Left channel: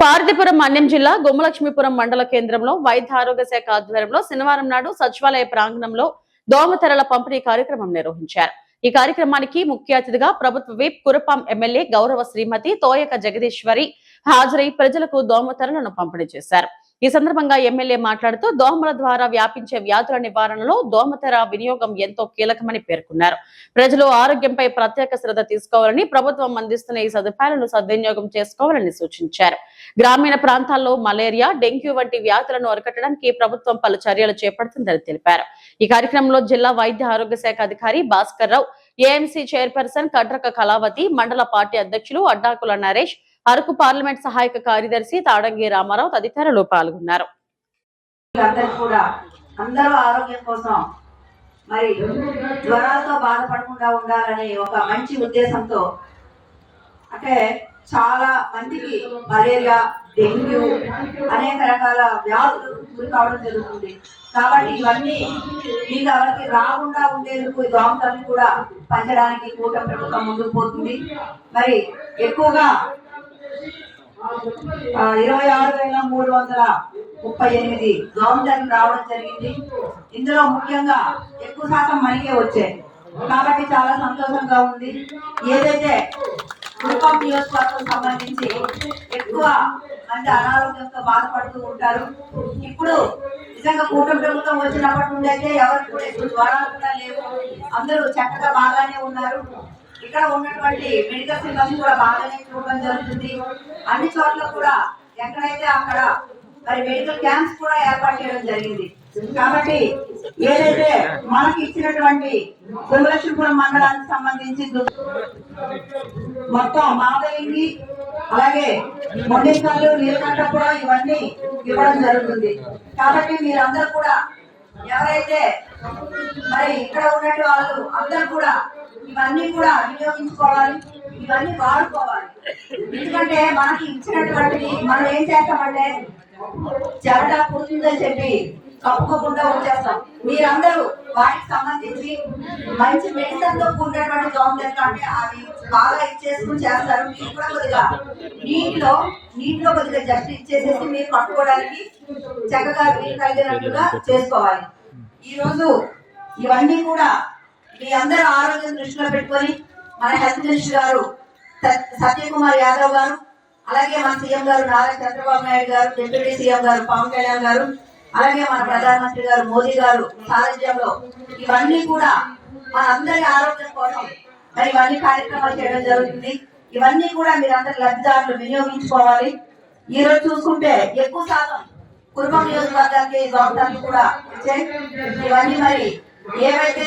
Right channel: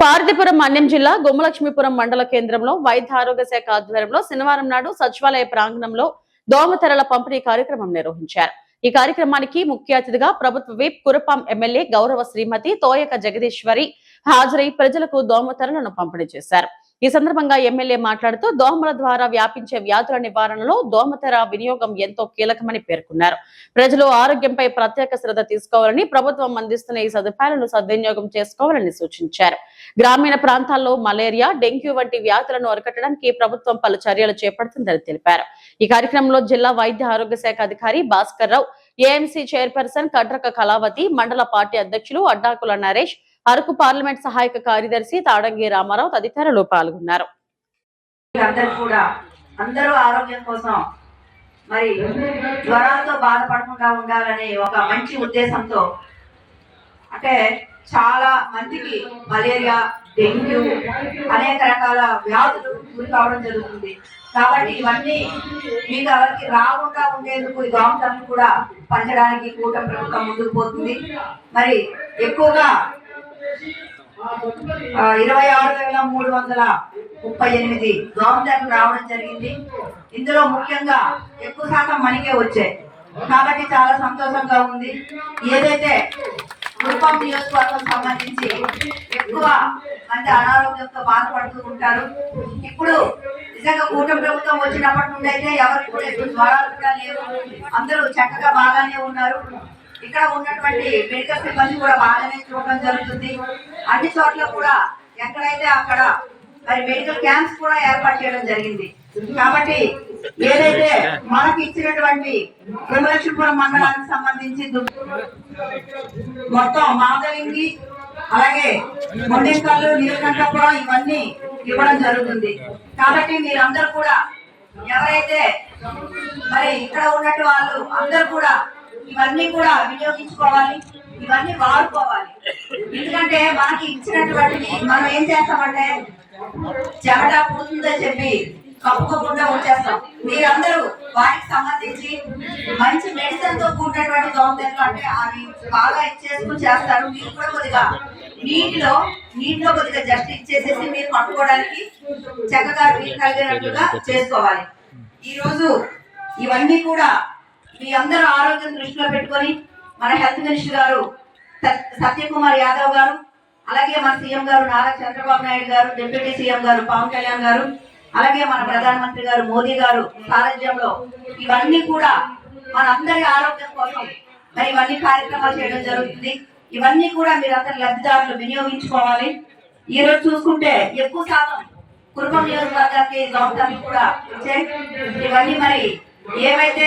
పార్వతీపురం మన్యం జిల్లా గుమ్మలక్ష్మీపురం మండల కేంద్రంలో వైద్య ఆరోగ్య శాఖ ఆధ్వర్యంలో శనివారం నాడు సచివాలయ ప్రాంగణంలో దోమతెరల పంపిణీ కార్యక్రమం నిర్వహించారు. ఈ కార్యక్రమానికి ముఖ్య అతిథిగా ప్రభుత్వ విప్ కురపాం ఎమ్మెల్యే గౌరవ శ్రీమతి తోయక జగదీశ్వరి హాజరై ప్రజలకు దోమతెరలను పంపిణీ చేశారు. ఈ సందర్భంగా ఎమ్మెల్యే మాట్లాడుతూ దోమల ద్వారా వ్యాపించే వ్యాధుల నివారణలో దోమతెర వినియోగం ఎంతో కీలకమని పేర్కొన్నారు. ప్రజలు ఆరోగ్యంపై ప్రత్యేక శ్రద్ధ తీసుకోవాలని, ప్రభుత్వం అందిస్తున్న ఈ సదుపాయాలను సద్వినియోగం చేసుకోవాలని సూచించారు. గ్రామీణ ప్రాంతాల్లో మలేరియా, డెంగ్యూ వంటి వ్యాధులను అరికట్టడానికి ప్రభుత్వం పలు చర్యలు చేపడుతుందని తెలిపారు. ఈ కార్యక్రమంలో జిల్లా వైద్య ఆరోగ్య శాఖ అధికారి భాస్కర్ రావు, ఏఎంసీ చైర్పర్సన్ కడ్రక కళావతి, మండల పార్టీ అధ్యక్షులు అడ్డాకుల నరేష్, అరకు పార్లమెంట్ సహాయక కార్యదర్శి తాడంగి రామారావు తదితరులు పాల్గొన్నారు. అందరూ ఆరోగ్యం కోసం మరి జ్వరాలతో బాధపడకుండా ఉండాలనే ఒక మంచి ఉద్దేశంతో, అంటే చాలా మందికి మలేరియా, డెంగ్యూ అనేక రకాల వ్యాధులు గురి కావడం జరుగుతుంది. కాబట్టి ఇవన్నీ మీకు ఎవరికి రాకుండా ఉండేందుకు ఈ దోమతెరలు కూడా పంచడానికి కూటమి ప్రభుత్వం ముందుకు పోతుంది. మరి ఎక్కువగా 26,338 దోమతెరలు రావడం జరిగింది. ఇందులో ముఖ్యంగా ఎక్కువ శాతం మనకే వచ్చాయి. కాబట్టి చాలా సంతోషంగా ఉంది. ఏదైతే కుటుంబం నియోజకవర్గం సంబంధించి ఎక్కువ మంది అనారోగ్యంతో బాధపడుతూ ఉంటారు. ఇప్పుడు నిజంగా కూటమి ప్రభుత్వం వచ్చినప్పటి నుండి అయితే ఎవరికి కూడా ఎక్కువ జ్వరాలు కూడా లేవు. అందరూ చక్కగా బాగానే ఉన్నారు. ఇక్కడ ఉన్నటువంటి మెడికల్ సిబ్బంది కూడా బాగానే చూడడం జరుగుతుంది. అన్ని చోట్ల కూడా ఎక్కడైతే అక్కడ మరి మెడికల్ క్యాంప్స్ కూడా ఏర్పాటు చేయడం జరిగింది. కాబట్టి ఏదైతే మనకి ఇచ్చినటువంటి గుమ్మలక్ష్మీపురం మండలానికి సంబంధించి మొత్తం మాధవింగి, అలాగే మొండేకల్లు, నీలకంఠపురం ఇవన్నీ ఇవ్వడం జరుగుతుంది. కాబట్టి మీరందరూ కూడా ఎవరైతే మరి ఇక్కడ ఉన్నట్టు వాళ్ళు అందరూ కూడా ఇవన్నీ కూడా వినియోగించుకోవాలి, ఇవన్నీ వాడుకోవాలి. ఎందుకంటే మనకి ఇచ్చినటువంటివి మనం ఏం చేస్తామంటే చెమట పుడుతుందని చెప్పి కప్పుకోకుండా వచ్చేస్తాం. మీరందరూ వాటికి సంబంధించి మంచి మెడిసిన్ తో కూడినటువంటి దోమతెరలు అంటే అవి బాగా ఇచ్చేసుకుని చేస్తారు. మీరు కూడా కొద్దిగా నీటిలో కొద్దిగా జస్ట్ ఇచ్చేసేసి మీరు పట్టుకోవడానికి చక్కగా మీరు కలిగినట్లుగా చేసుకోవాలి. ఈ రోజు ఇవన్నీ కూడా మీ అందరూ ఆరోగ్యం దృష్టిలో పెట్టుకొని మన హెల్త్ మినిస్టర్ గారు సత్యకుమార్ యాదవ్ గారు, అలాగే మన సీఎం గారు నారా చంద్రబాబు నాయుడు గారు, డిప్యూటీ సీఎం గారు పవన్ కళ్యాణ్ గారు, అలాగే మన ప్రధానమంత్రి గారు మోదీ గారు సారథ్యంలో ఇవన్నీ కూడా మన అందరి ఆరోగ్యం కోసం మరి ఇవన్నీ కార్యక్రమాలు చేయడం జరుగుతుంది. ఇవన్నీ కూడా మీరందరూ లబ్ధిదారులు వినియోగించుకోవాలి. ఈ రోజు చూసుకుంటే ఎక్కువ శాతం కుటుంబ నియోజకవర్గానికి దోమతెరలు కూడా వచ్చాయి. ఇవన్నీ మరి ఏవైతే